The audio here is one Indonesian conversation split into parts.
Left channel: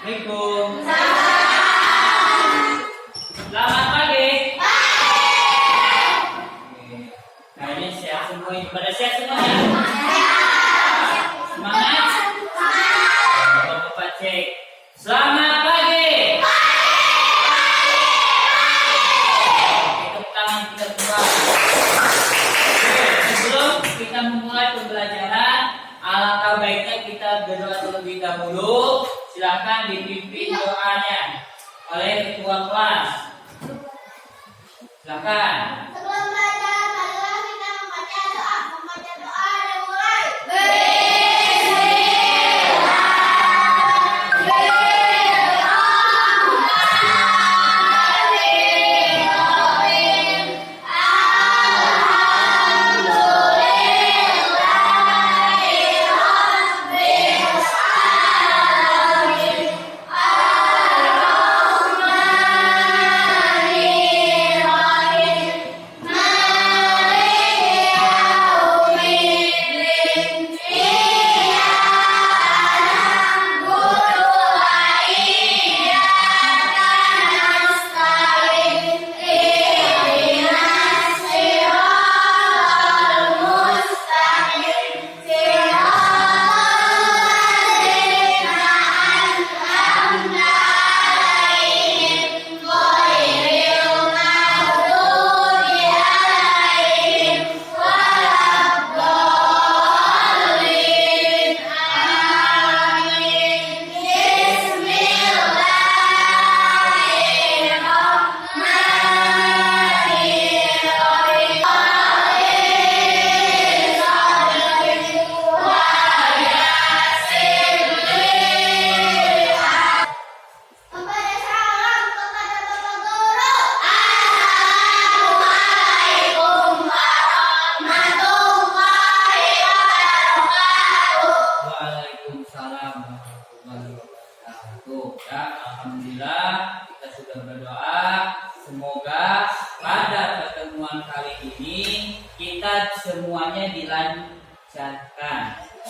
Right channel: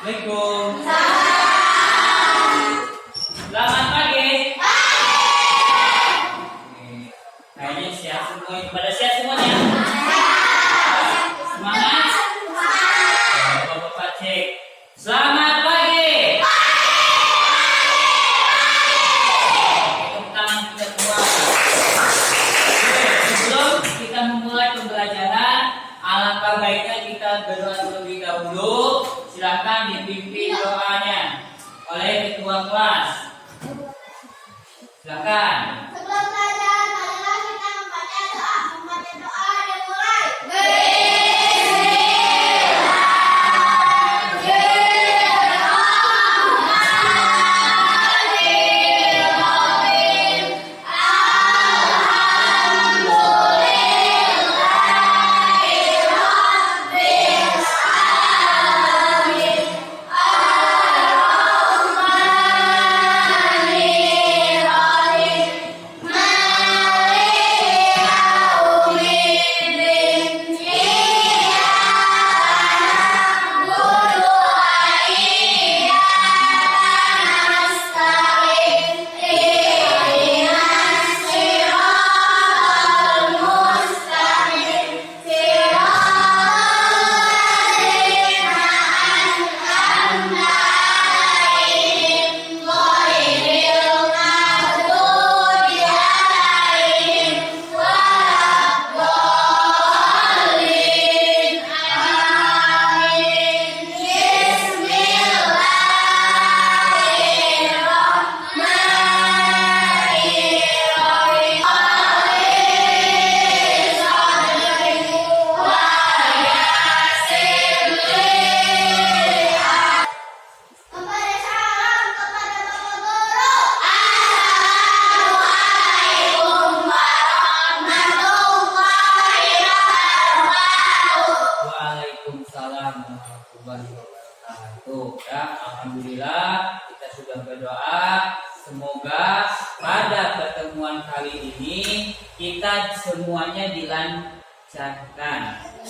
Assalamualaikum. Selamat pagi. Kayaknya siap semua itu. Pada siap semuanya? Semangat? Bapak cek. Selamat pagi. Tepuk tangan kita buat. Sebelum kita memulai pembelajaran, alangkah baiknya kita berdoa terlebih dahulu. Silakan dipimpin doanya oleh ketua kelas. Silakan. Sebelum belajar, marilah kita membaca doa. Membaca doa dimulai. Waalaikumsalam warahmatullahi wabarakatuh. Ya, alhamdulillah kita sudah berdoa. Semoga pada pertemuan kali ini kita semuanya dilancarkan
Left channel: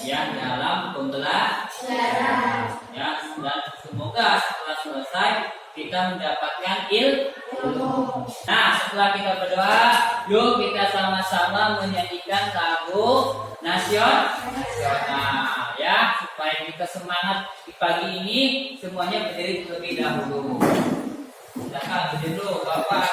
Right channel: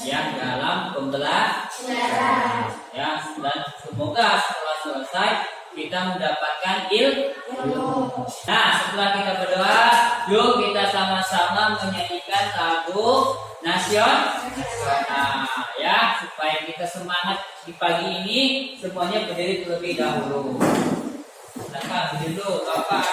ya dalam pembelajaran. Ya, dan semoga setelah selesai kita mendapatkan ilmu. Nah, setelah kita berdoa, yuk kita sama-sama menyanyikan lagu nasional ya, supaya kita semangat di pagi ini. Semuanya berdiri terlebih dahulu. Silakan berdiri dulu, Bapak.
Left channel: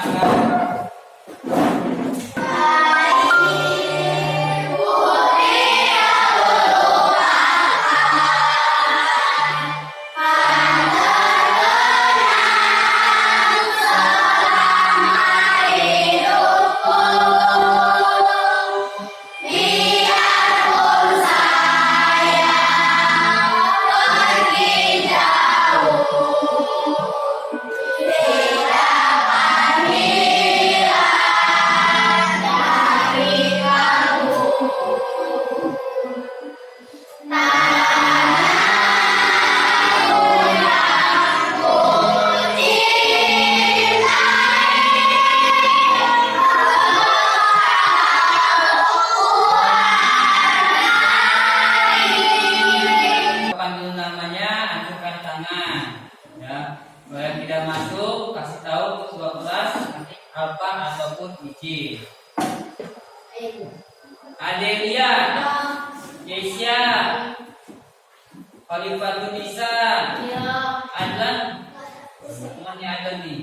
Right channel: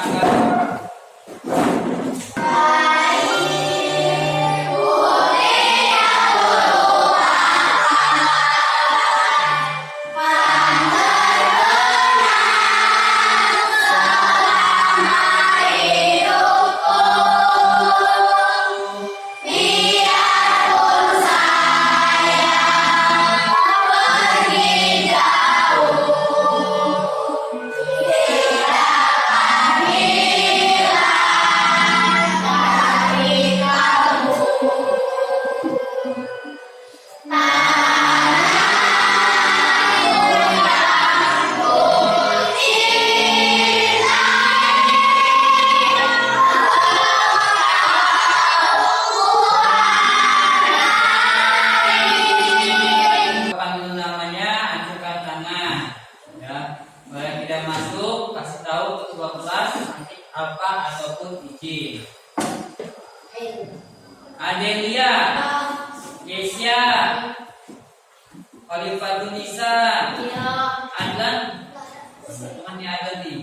Masuk, kasih tahu ketua kelas nanti apa ataupun izin. Adelia, Yesia, Khalifatunisa, Adlan, temannya Adlan nih,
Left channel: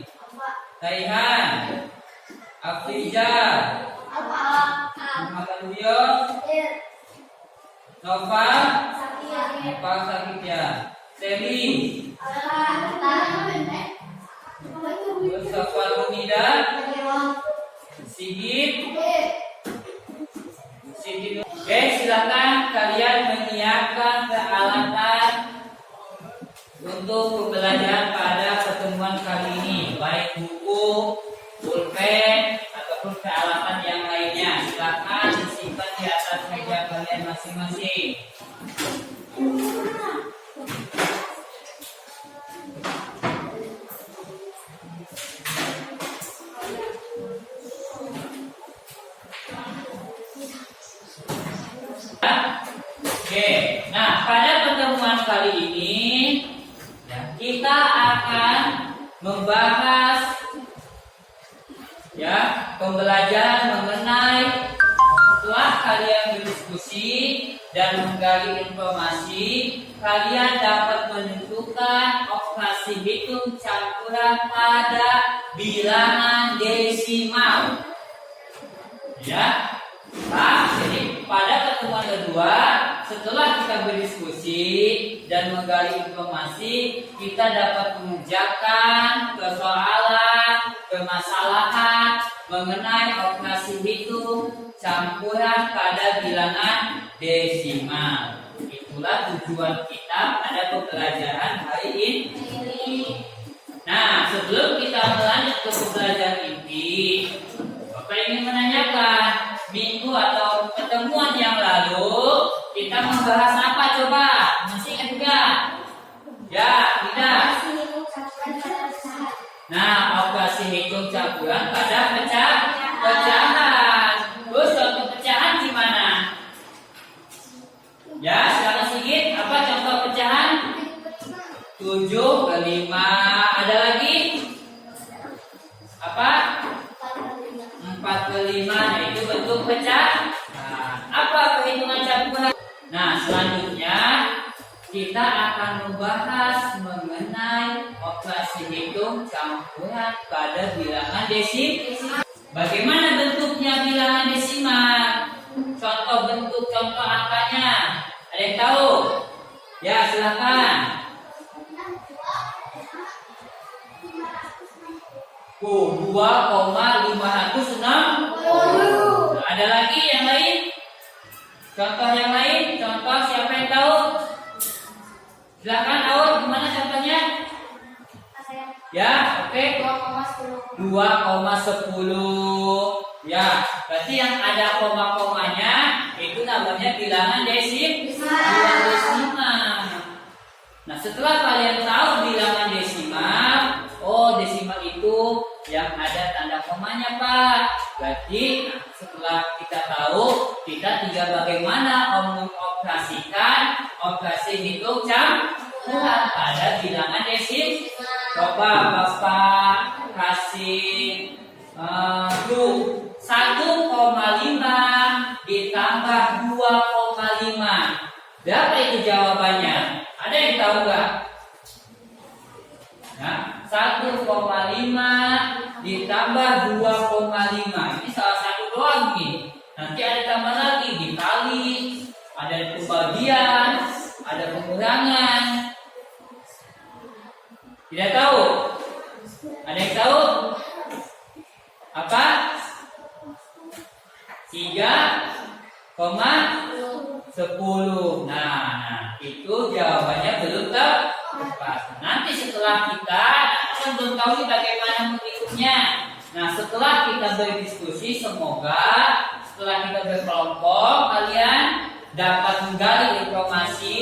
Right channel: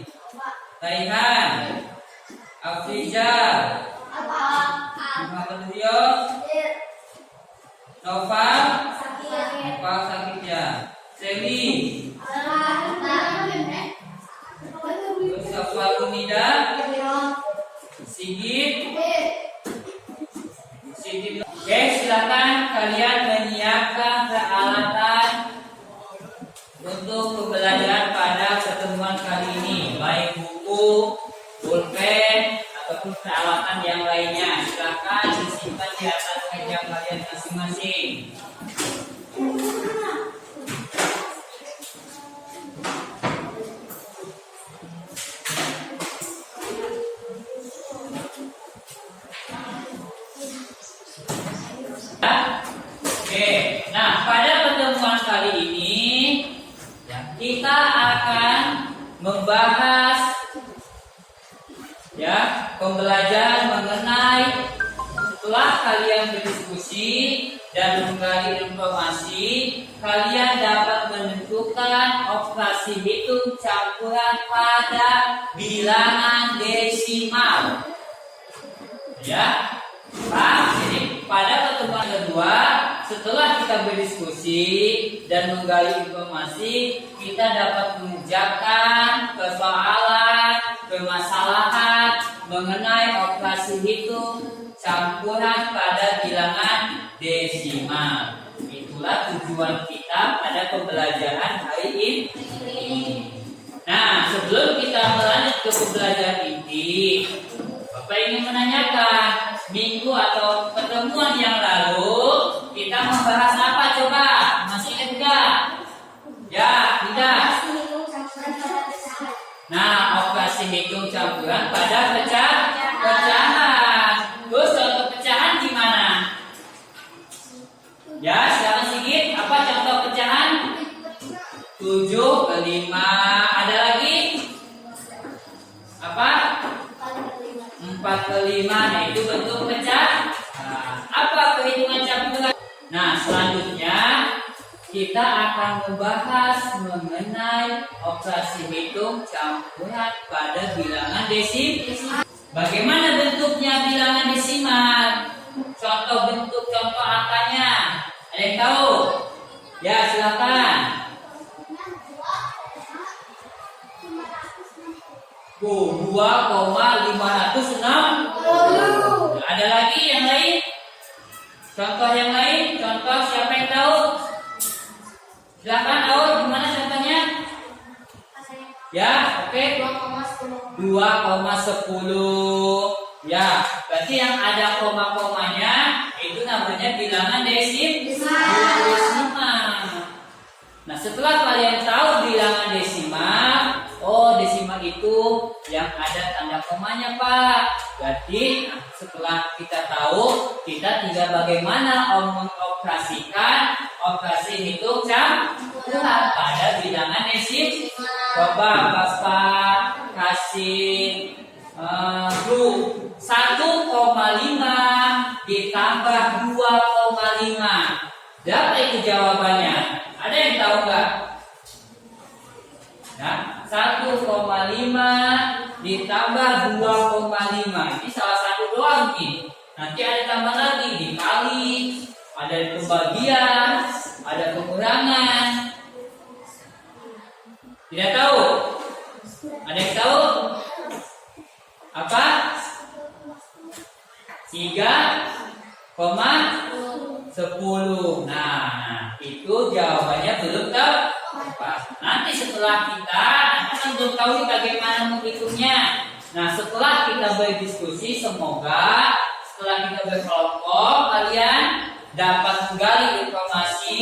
Taihan, Afriza, Muhammad Rios, Nova, sakit ya, Seli, Safwatul Nida, Sigit. Oke, silakan kalian menyiapkan peralatan untuk pembelajaran pada pertemuan kali ini, baik buku, pulpen ataupun peralatan yang lainnya. Silakan disimpan di atas meja kalian masing-masing. Oke, nah pada pertemuan kali ini ya, membahas ya pembelajaran mengenai setelah kalian berdiskusi dan menggali informasi, kalian dapat menentukan operasi hitung campuran pada bilangan desimal. Ya. Nah, jadi pada pertemuan kedua, setelah kita berdiskusi dan menggali informasi, kita dapat mengerjakan persoalan, permasalahan mengenai operasi hitung campuran pada bilangan desimal. Itulah tujuan kita pada pembelajaran hari ini. Nah, sebelum kita melanjut ke pembelajaran inti, Bapak ingin menanyakan, minggu atau pertemuan yang lalu kita membahas apa coba? Masih ingat enggak? Ya, tidak. Nah, operasi hitung campuran pada pecahan. Terus contoh pecahan gimana? Ya, silakan Sigit. Apa contoh pecahan? 7 ke 5. Ada lagi? Apa? 4 ke 5. Nah, itu bentuk pecah. Nah, apa perhitungan campuran? Nah, selanjutnya kita akan membahas mengenai operasi hitung campuran pada bilangan desimal. Bagaimana bentuknya bilangan desimal? Contoh angkanya. Ada yang tahu? Ya, silakan. 2,560. Nah, ada lagi yang lain? Contoh yang lain? Contoh siapa yang tahu? Silakan tahu gimana contohnya? Ya, oke. 2,10. Ya, berarti yang ada koma-komanya itu namanya bilangan desimal. Nah, setelah kalian tahu bilangan desimal, desimal itu yang ada tanda komanya, Pak. Berarti setelah kita tahu, kita tinggal bagaimana mengoperasikan operasi hitung campuran pada bilangan desimal. Coba Bapak kasih grup 1,5 ditambah 2,5. Berapa itu jawabannya? Ada yang tahu nggak? Nah, 1,5 ditambah 2,5. Ini salah satu doang nih. Nanti ada tambah lagi, dikali, ada pembagian, ada pengurangan. Tidak tahu? Ada yang tahu? Apa? 3,10. Nah, itu jawabannya belum tepat. Nanti setelah kita kan belum tahu bagaimana menghitungnya. Nah, setelah kita berdiskusi, semoga setelah kita berkelompok, kalian dapat menggali informasi,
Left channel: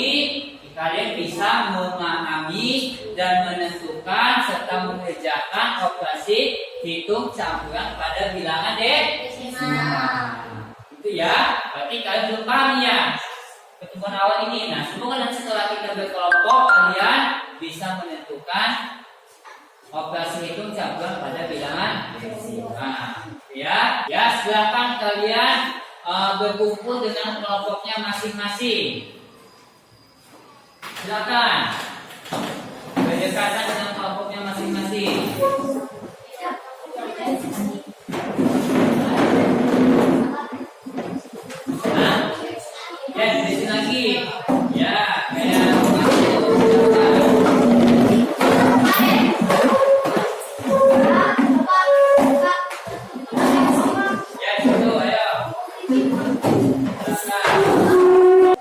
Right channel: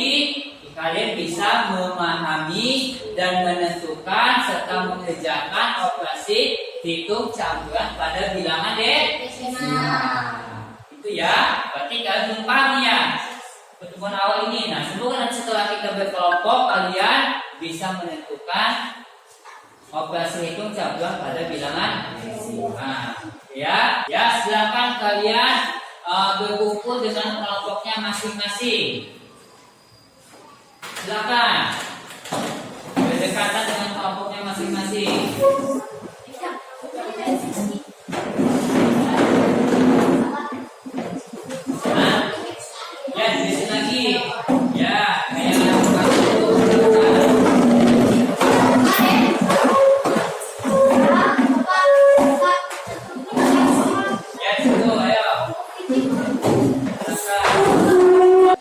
kalian bisa memahami dan menentukan serta mengerjakan operasi hitung campuran pada bilangan desimal. Itu ya, berarti kalian belum paham ya pertemuan awal ini. Nah, semoga nanti setelah kita berkelompok, kalian bisa menentukan operasi hitung campuran pada bilangan desimal. Ya, silakan kalian berkumpul dengan kelompoknya masing-masing. Silakan berdekatan dengan kelompoknya masing-masing. Ya, di sini lagi. Ya, kayak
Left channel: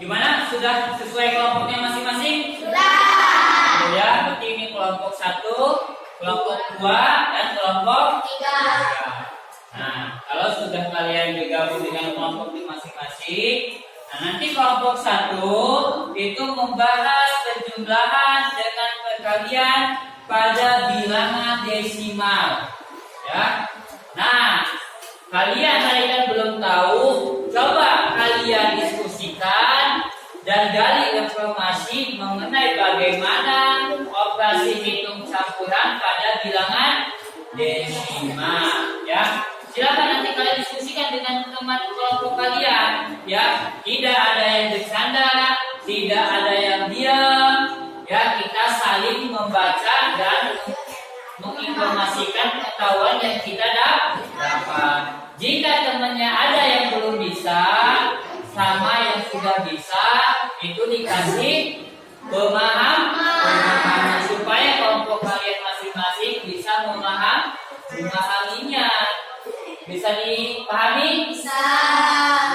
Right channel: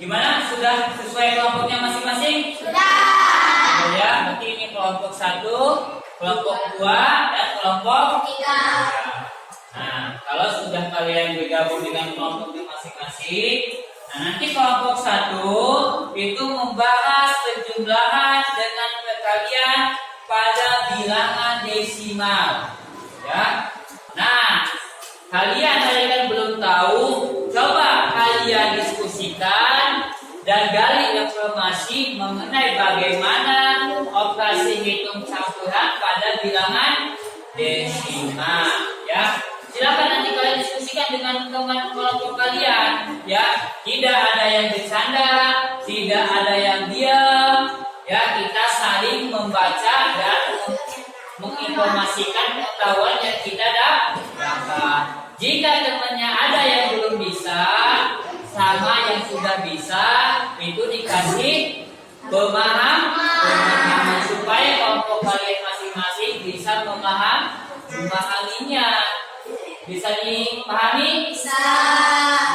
gimana? Sudah sesuai kelompoknya masing-masing? Sudah. Ya, berarti ini kelompok 1, kelompok 2, dan kelompok 3. Nah, kalau sudah kalian bergabung dengan kelompoknya masing-masing, nah nanti kelompok 1 itu membahas penjumlahan dengan perkalian pada bilangan desimal. Ya. Nah, kalian belum tahu, coba kalian diskusikan dan gali informasi mengenai bagaimana operasi hitung campuran pada bilangan desimal ya. Silakan nanti kalian diskusikan dengan teman kelompok kalian ya. Tidak ada yang bercanda, tidak ada yang diam ya. Kita saling membaca dan menginformasikan pengetahuan yang kita dapat. Jika temannya ada yang belum bisa sama yang sudah bisa, itu dikasih pemahaman supaya kelompok kalian masing-masing bisa memahaminya. Bisa dipahami? Bisa.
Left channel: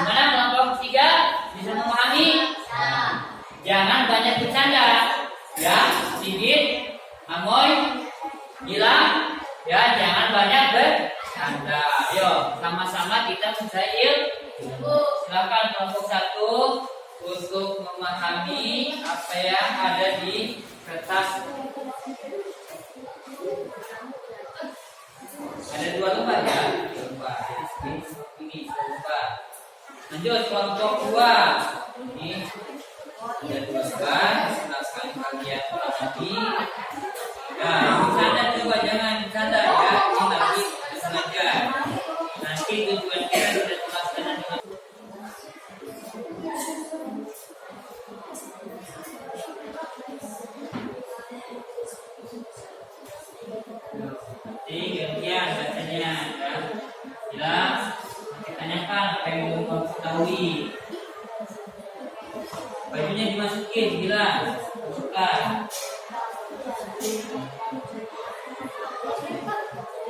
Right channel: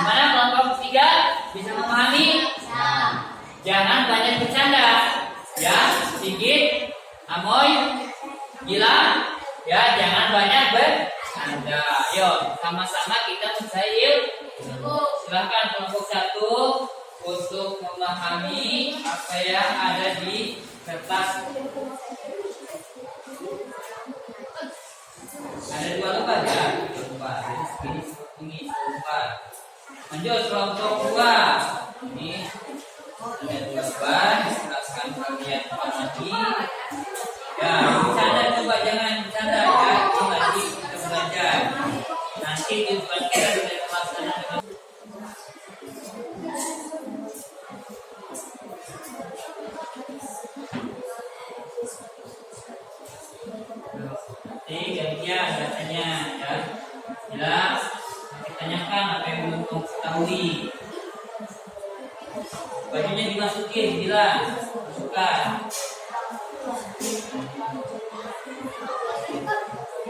Gimana kelompok 3 bisa memahami? Bisa. Jangan banyak bercanda ya, sedikit amoy gila ya, jangan banyak bercanda. Ayo sama-sama kita mencari ilmu. Silakan kelompok 1 untuk memahami apa yang ada di kertas. Ada 2 lembar ya, 2 lembar. Jadi ini lembar. Lanjut kelompok 2. Ini ada 2 lembar. Silakan kalian pahami. Ya, bercanda coba, jangan bercanda ya. Ini nanti kita belajar. Nanti tujuan kita sudah terlaksana dengan demikian bacanya ya. Jelas? Ditanyakan apa yang belum kamu ketahui. Bajunya dimasukin, jelas. Masukkan.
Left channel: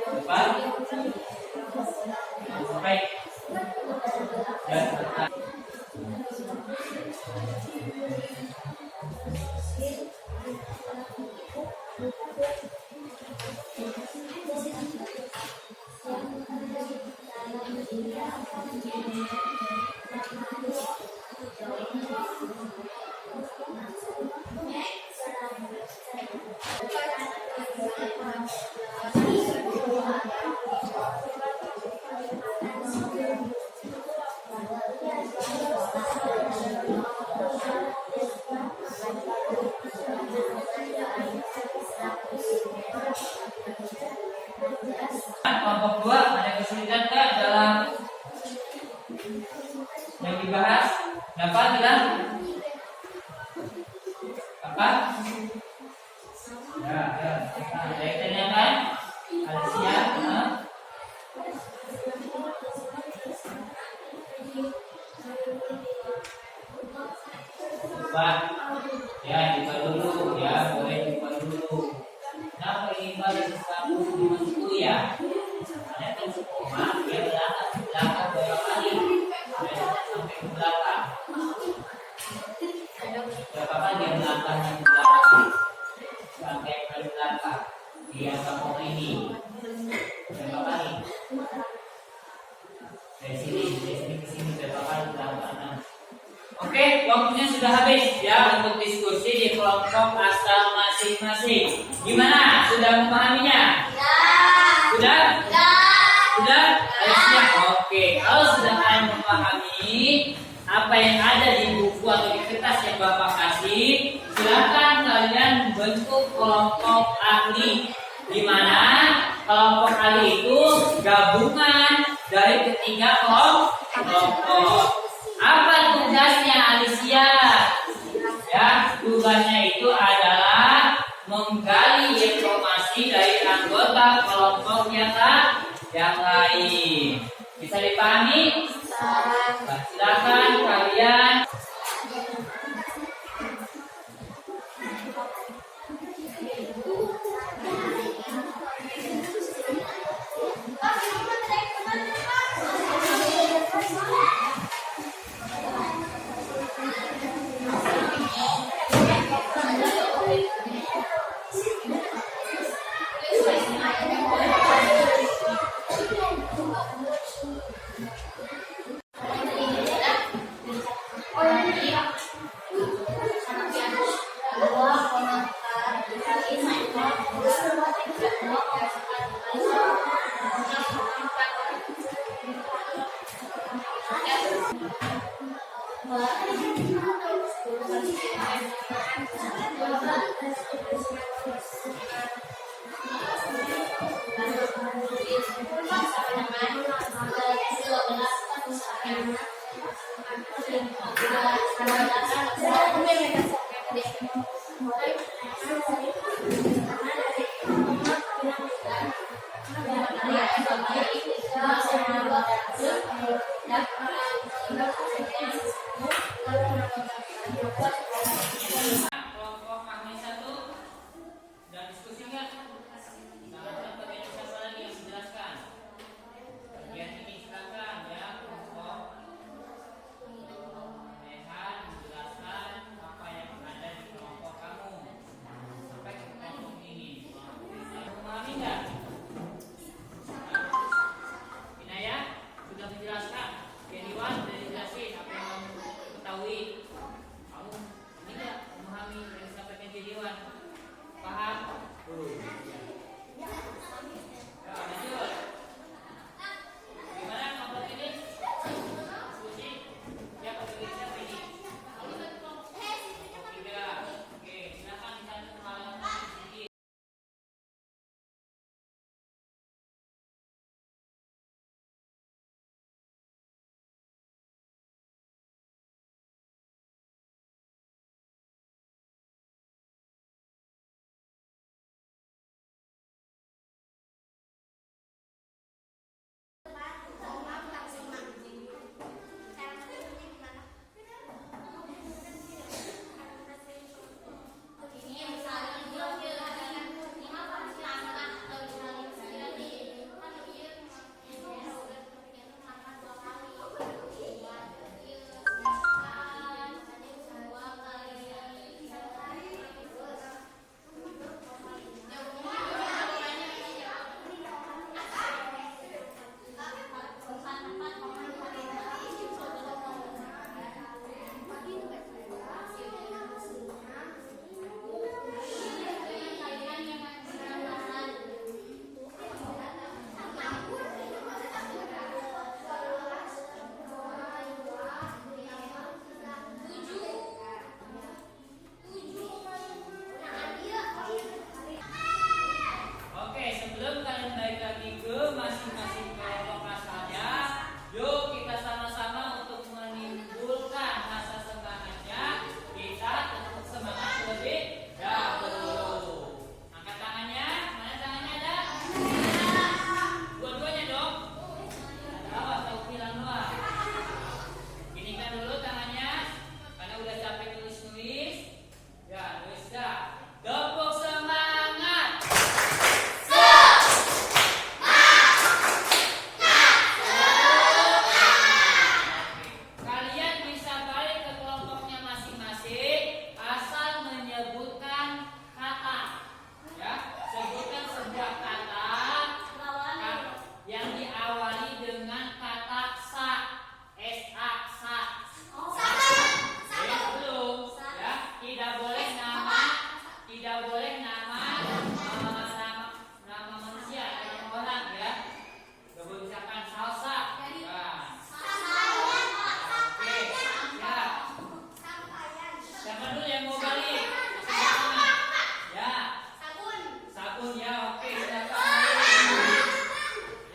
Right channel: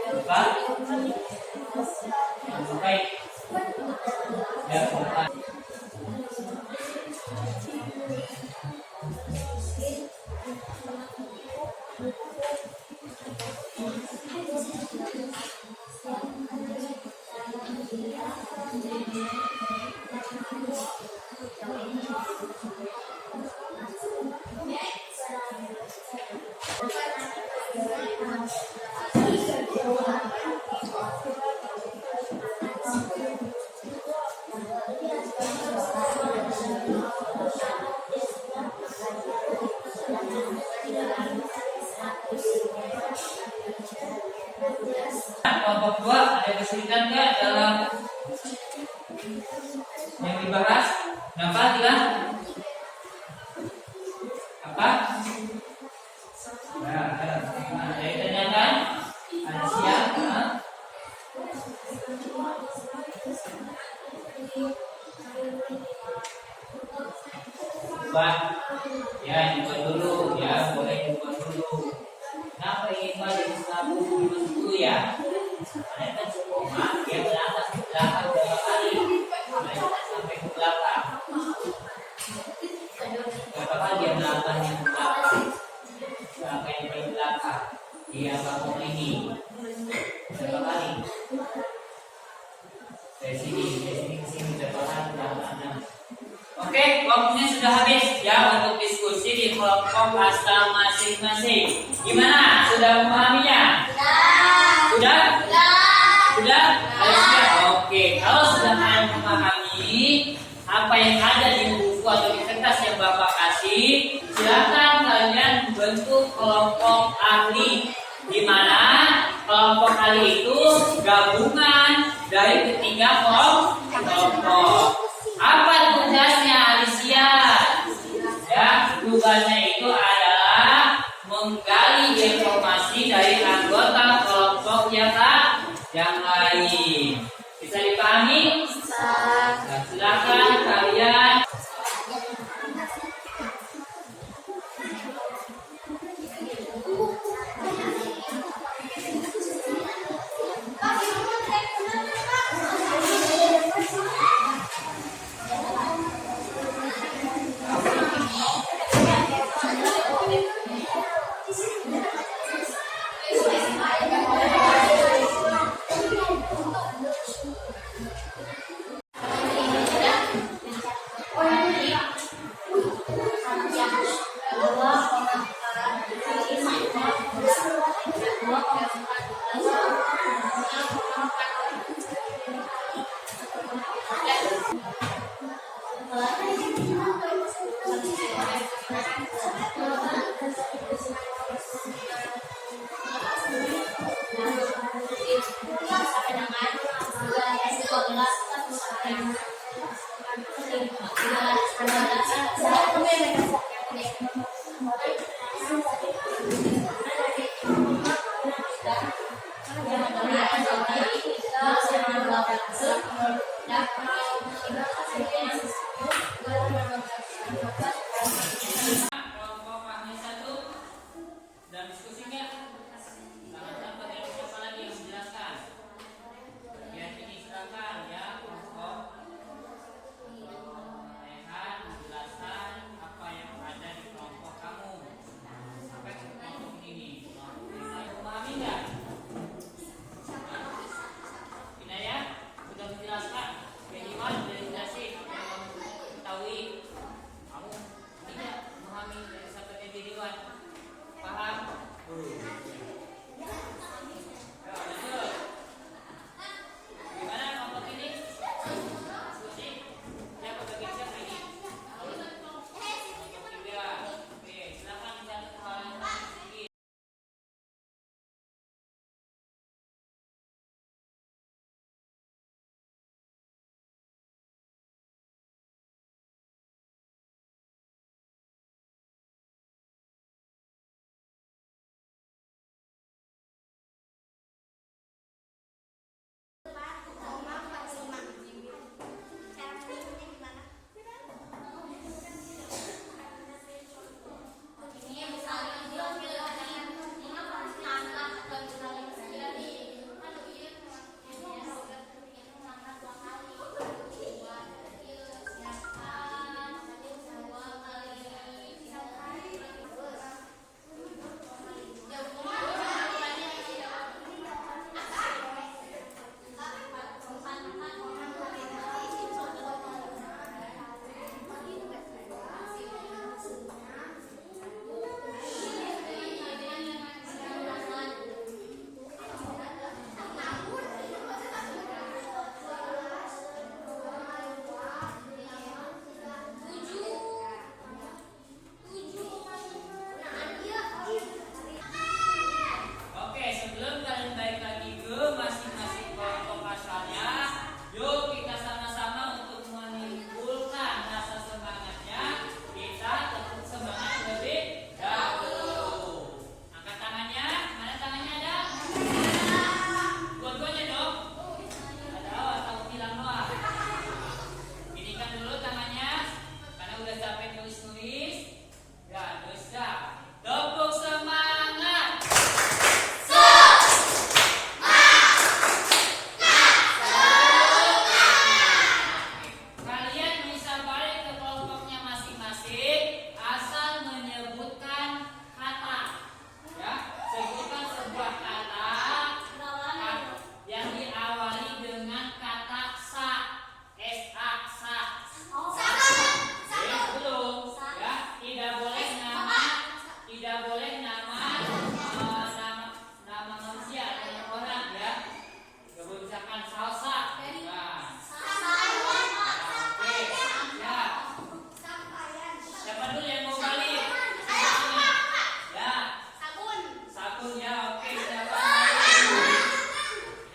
Apa? Baik. Ya, selesai. Kelompok 2 ada kesulitan nggak dalam yang dibahas? Kenapa bilang? Apa? Ya, ada yang tanyakan? Ada siap? Coba ya, coba dulu ya, boleh coba dulu. Kenapa ingin balik satu dulu ya? Karena kan sekoma dia belakang berapa kali? Sampai ke belakang. Berapa kali dia belakangnya ke belakang? Sampai ke belakang. Dia sekoma ini berapa kali? Dari sini ke sini berapa kali belakangnya? Oke, waktunya sudah habis ya untuk diskusi di kelompok asal masing-masing. Gimana? Sudah memahaminya? Ya. Sudah? Ya. Sudah? Ayo siap. Oke, kalau sudah kalian memahami apa yang ada di buku atau di kertas yang Bapak kasih, silakan kalian bentuk kelompok ahli. Di mana kelompok ahli itu gabungan dari ketiga kelompok. Apa tugasnya Alicia? Ya, tugasnya itu adalah menggali informasi dari anggota kelompok yang lain. Bisa dipahami? Nah, silakan kalian. Kelompok Magni 1 dan diskusi enggak? Sekarang bagian siapa lagi yang menjelaskan? Bagian ini silakan ya, kelompok Rehan menjelaskan apa yang ada di kelompok kamu sampai ke kelompok ini. Memahami enggak? Inaya sudah menjelaskan. Kediwan sudah dijelasin apa yang kamu ketahui. Kamu tidak memahami dari sahabatnya Kediwan. Paham? Ya, lanjut. Gimana kelompok ini? Diskusi. Siapa bagi siapa ini? Tiga. Oke, silakan dicatat halaman sedikit. Oke, sebelum kalian balik lagi ke masing-masing kelompok asalnya, yuk kita sama-sama untuk menimbulkan rasa semangatnya. Kita tetap semangat lebih dahulu. Angkat tangannya, mana tangannya ada? Dua-duanya dong. Ada atau hilang doang? Inikan dulu tangannya, karena udah capek tulis-tulis. Ya, bisa. Tepuk semangat. Kalian bisa balik ke kelompoknya masing-masing asal menyebutkan kata. Ya, sebutkan sebuah kata yang diawali dengan kata sa. S-A, sa. Belum. Ya, tidak boleh nama, nama manusia, nama orang ya. Kebijakan salsa. Nah. Oke, ya. Siapa dulu yang mau balik? Ya, sabun ya. Oke, siapa?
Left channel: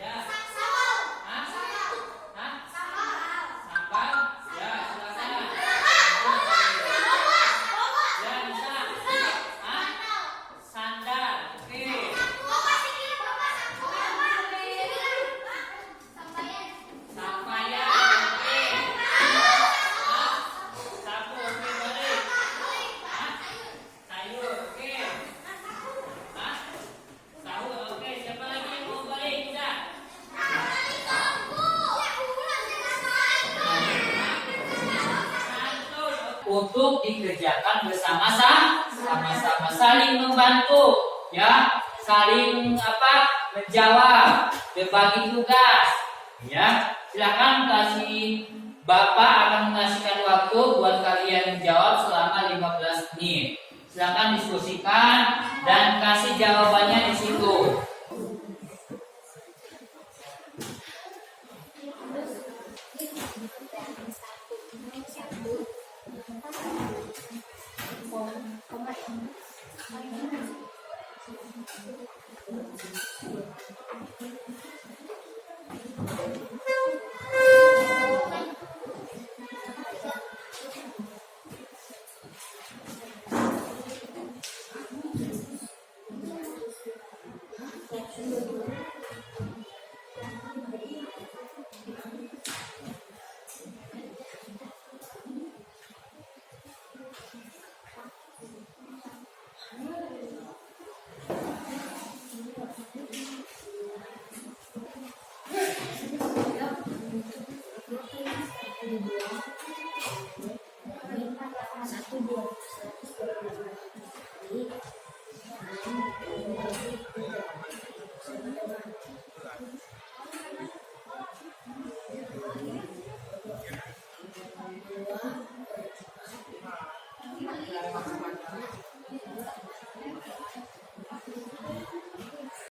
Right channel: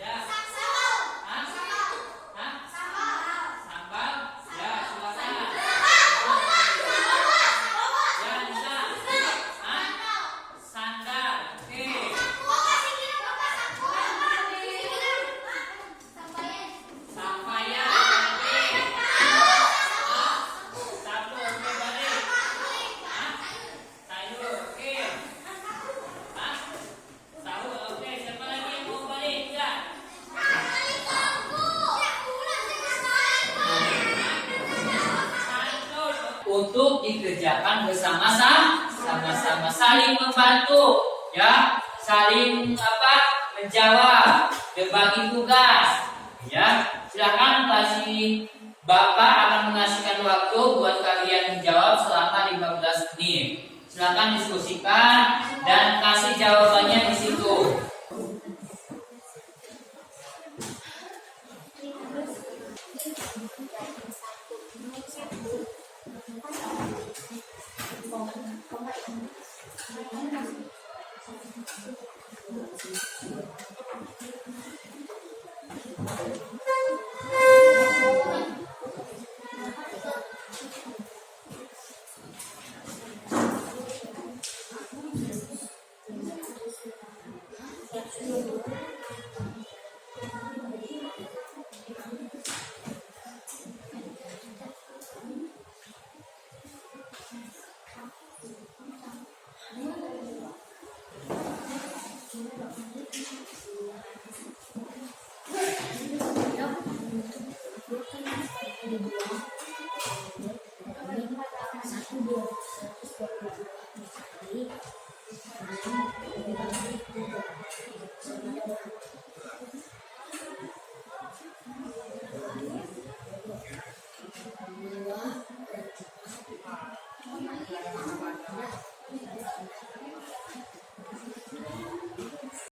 Ya. Hah? Hah? Sambal? Ya, silakan. Ya, bisa. Hah? Sandal. Oke. Sampaian. Oke. Hah? Sapu. Oke, balik. Hah? Sayur. Oke. Hah? Tahu. Oke, siapa lagi yang mau balik? Ya. Untuk dikerjakan bersama-sama, sama-sama saling membantu, ya, saling menjawab, berbagi tugas, ya. Silakan kasih Bapak akan mengasihkan waktu buat kalian menjawab selama 15 menit. Silakan diskusikan dan kasih jawabannya di situ. Satu.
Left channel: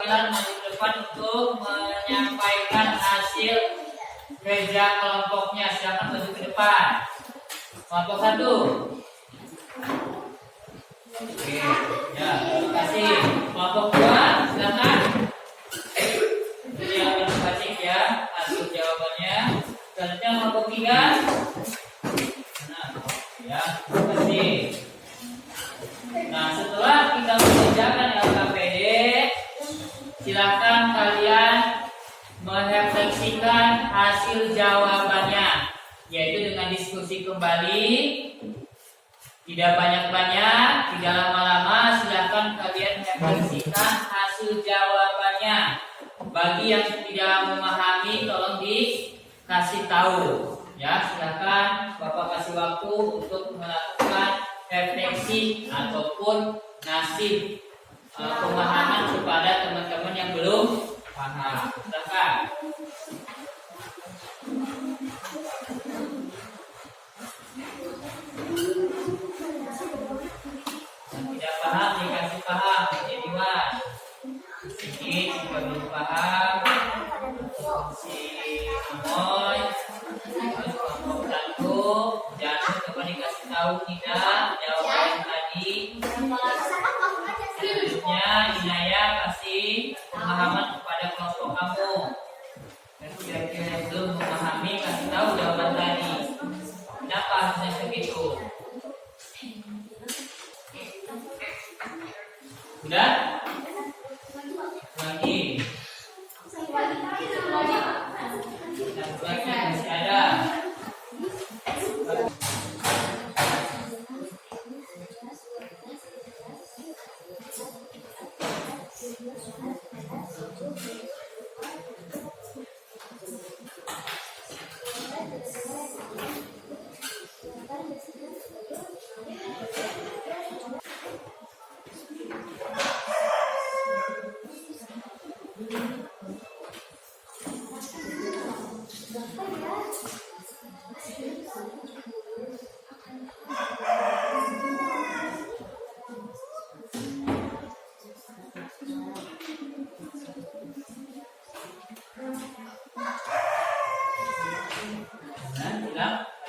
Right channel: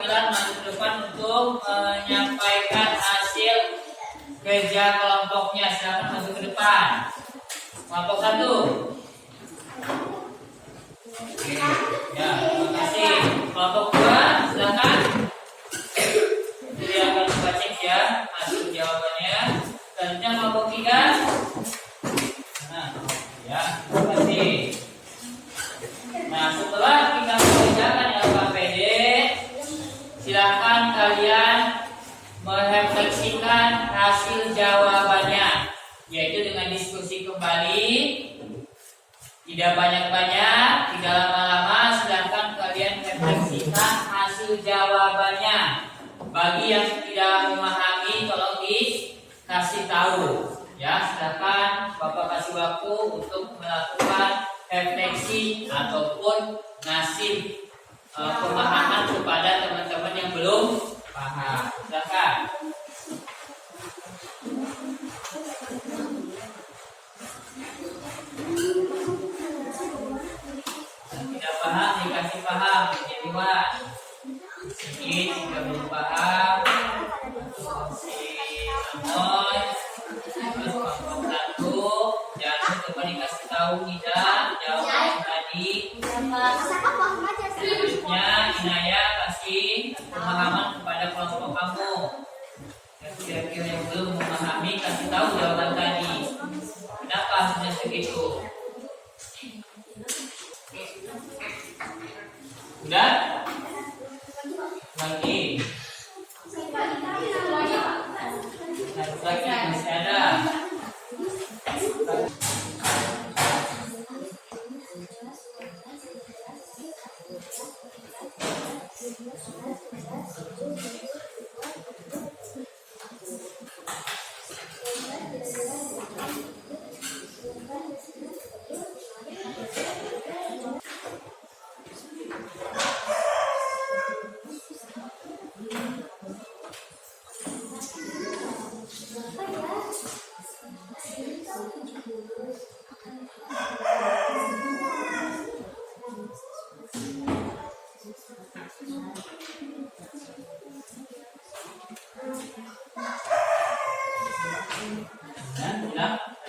perwakilan maju ke depan untuk menyampaikan hasil kerja kelompoknya. Silakan maju ke depan. Kelompok 1. Oke, ya, terima kasih. Kelompok 2, silakan. Jadi akan kita cek ya hasil jawabannya. Selanjutnya kelompok 3. Nah, ya, terima kasih. Nah, setelah kita mengerjakan LKPD, silakan kalian merefleksikan hasil jawabannya, yaitu dengan diskusi kembali. Tidak banyak-banyak, tidak lama-lama, silakan kalian refleksikan hasil jawabannya. Bagi yang tidak memahami, tolong dikasih tahu. Ya, silakan Bapak kasih waktu untuk melakukan refleksi ataupun ngasih pemahaman kepada teman-teman yang belum paham. Silakan. Yang tidak paham dikasih paham, jadi Wan. Ini jika belum paham, si Amoy, terus kelompok 1, jangan coba dikasih tahu tidak jawaban yang tadi. Selanjutnya Inaya kasih pemahaman kepada kelompok kamu. Dan kira-kira yang belum memahami kasih tahu jawaban tadi. Kenapa harusnya segitu? Udah? Lagi. Lagi masih ada.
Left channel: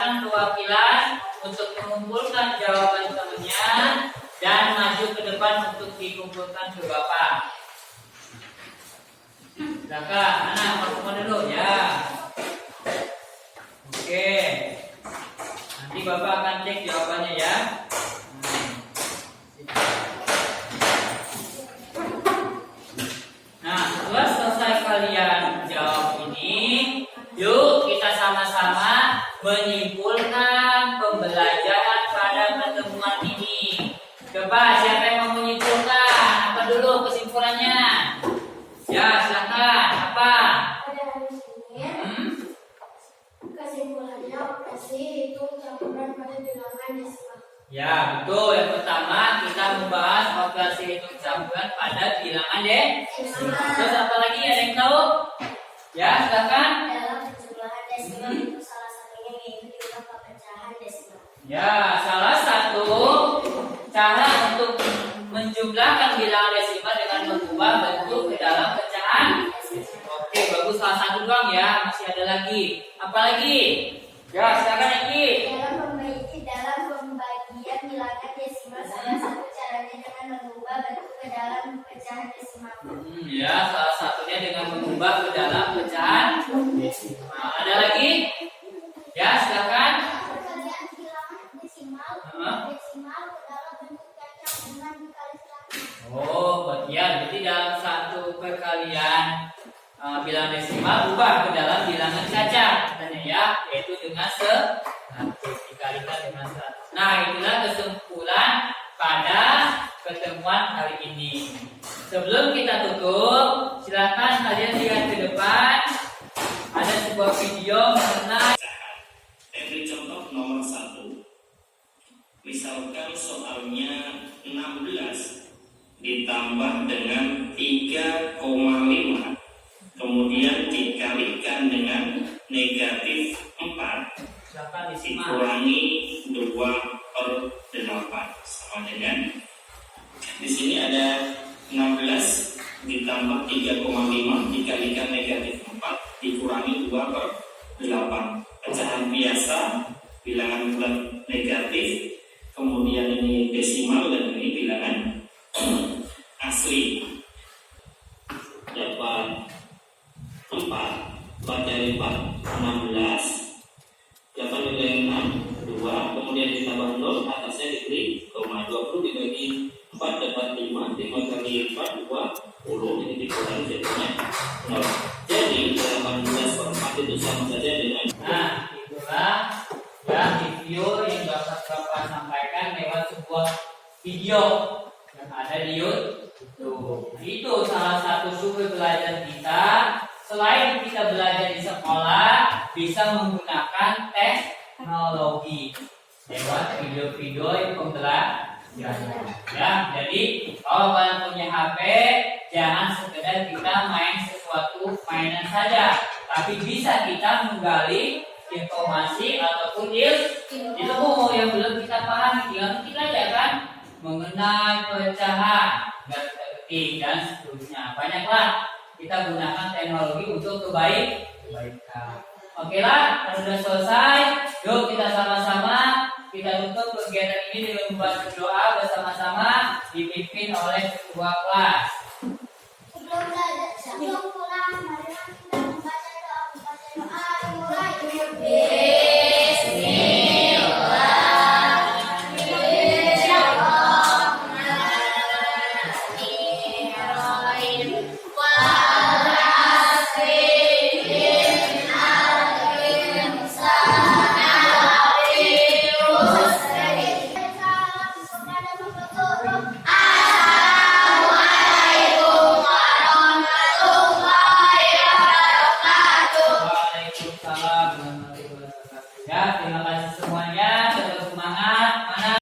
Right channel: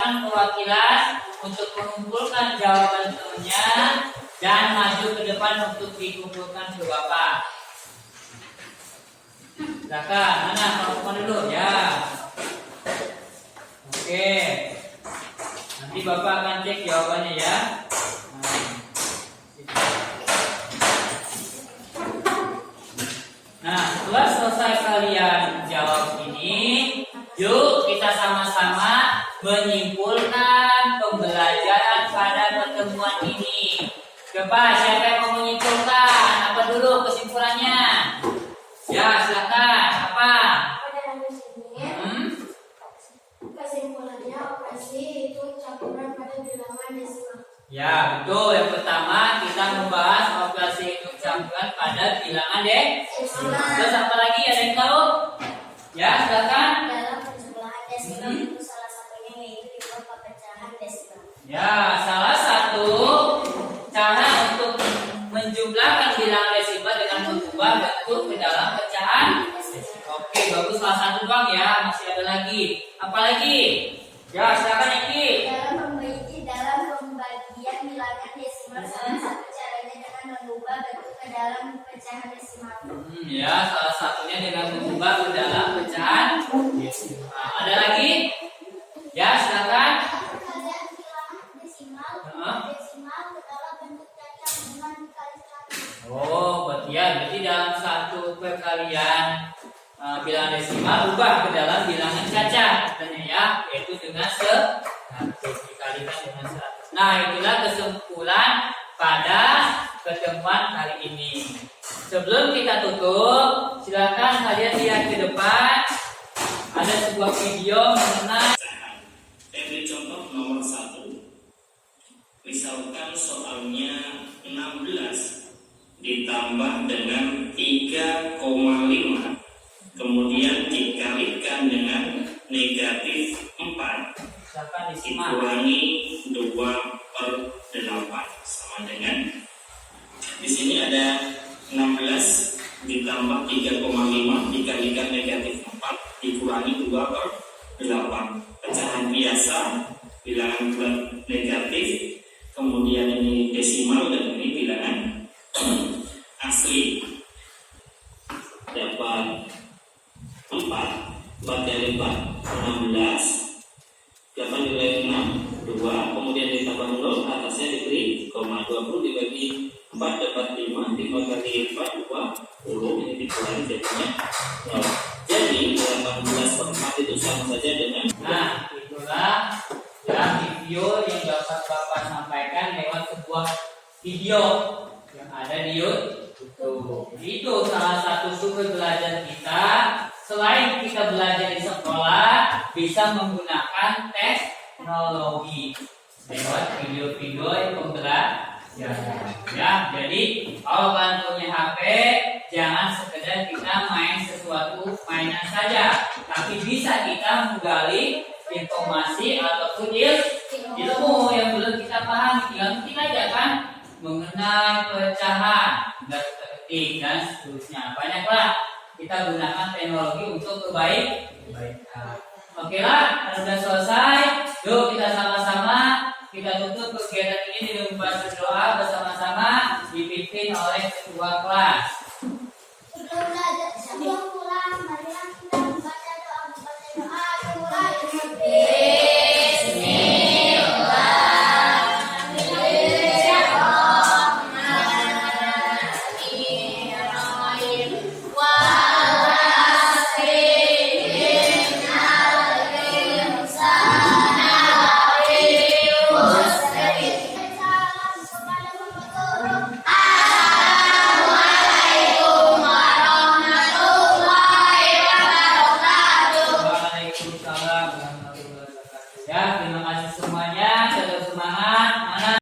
Perwakilan untuk mengumpulkan jawaban temannya dan maju ke depan untuk dikumpulkan ke Bapak. Silakan, mana kelompok dulu ya. Oke. Nanti Bapak akan cek jawabannya ya. Nah, setelah selesai kalian jawab ini, yuk kita sama-sama menyimpulkan pembelajaran pada pertemuan ini. Coba siapa yang mau menyimpulkan? Apa dulu kesimpulannya? Ya, silakan. Apa? Kesimpulannya operasi hitung campuran pada bilangan desimal. Ya, betul. Yang pertama kita membahas operasi hitung campuran pada bilangan desimal. Terus apa lagi? Ada yang tahu? Ya, silakan. Dalam penjumlahan desimal itu salah satunya yaitu diubah ke pecahan desimal. Ya, salah satu cara untuk menjumlahkan bilangan desimal dengan mengubah bentuk ke dalam pecahan. Oke, bagus. Salah satu doang ya. Masih ada lagi. Apa lagi? Ya, silakan Iki. Dalam pembagian bilangan desimal, salah satu caranya dengan mengubah bentuk ke dalam pecahan desimal. Ya, salah satunya dengan mengubah ke dalam pecahan desimal. Ada lagi? Ya, silakan. Perkalian bilangan desimal, desimal ke dalam bentuk cacat dengan dikali 100. Oh, berarti dalam satu perkalian bilangan desimal ubah ke dalam bilangan cacat, katanya ya, yaitu dengan 100 dikalikan dengan 100. Nah, itulah kesimpulan pada pertemuan hari ini. Sebelum kita tutup, silakan kalian lihat ke depan. Ada sebuah video mengenai. Beri contoh nomor 1. Misalkan soalnya 16 ditambah dengan 3,5, kemudian dikalikan dengan negatif 4, Silakan disimak. dikurangi 2/8 sama dengan, di sini ada 16 ditambah ditambah 3,5 dikalikan negatif 4 dikurangi 2/8. Pecahan biasa, bilangan bulat negatif, kemudian ini desimal dan ini bilangan asli. Dapat 4 dari 4 16, 8 dibagi 6 2, kemudian ditambah 0, atasnya diberi koma. 20 dibagi 4 dapat 5, 5 kali 4 20, ini dikurangi jadinya 0. Jadi 18/4 itu sama saja dengan. Nah, itulah ya review yang dapat Bapak sampaikan lewat sebuah video yang ada di YouTube. Itu salah satu sumber belajar kita. Selain kita belajar di sekolah, bisa menggunakan teknologi lewat video-video pembelajaran. Ya, jadi kalau kalian punya HP, jangan sekedar kita main sesuatu mainan saja, tapi bisa kita menggali informasi ataupun ilmu yang belum kita pahami. Tinggal kita aja kan mengenai pecahan, ketik dan seterusnya. Banyaklah kita gunakan teknologi untuk kebaikan. Oke lah, sudah selesai. Yuk kita sama-sama kita tutup kegiatan ini dengan membaca doa bersama-sama dipimpin oleh ketua kelas. Sebelum pulang, mari kita membaca doa. Mulai.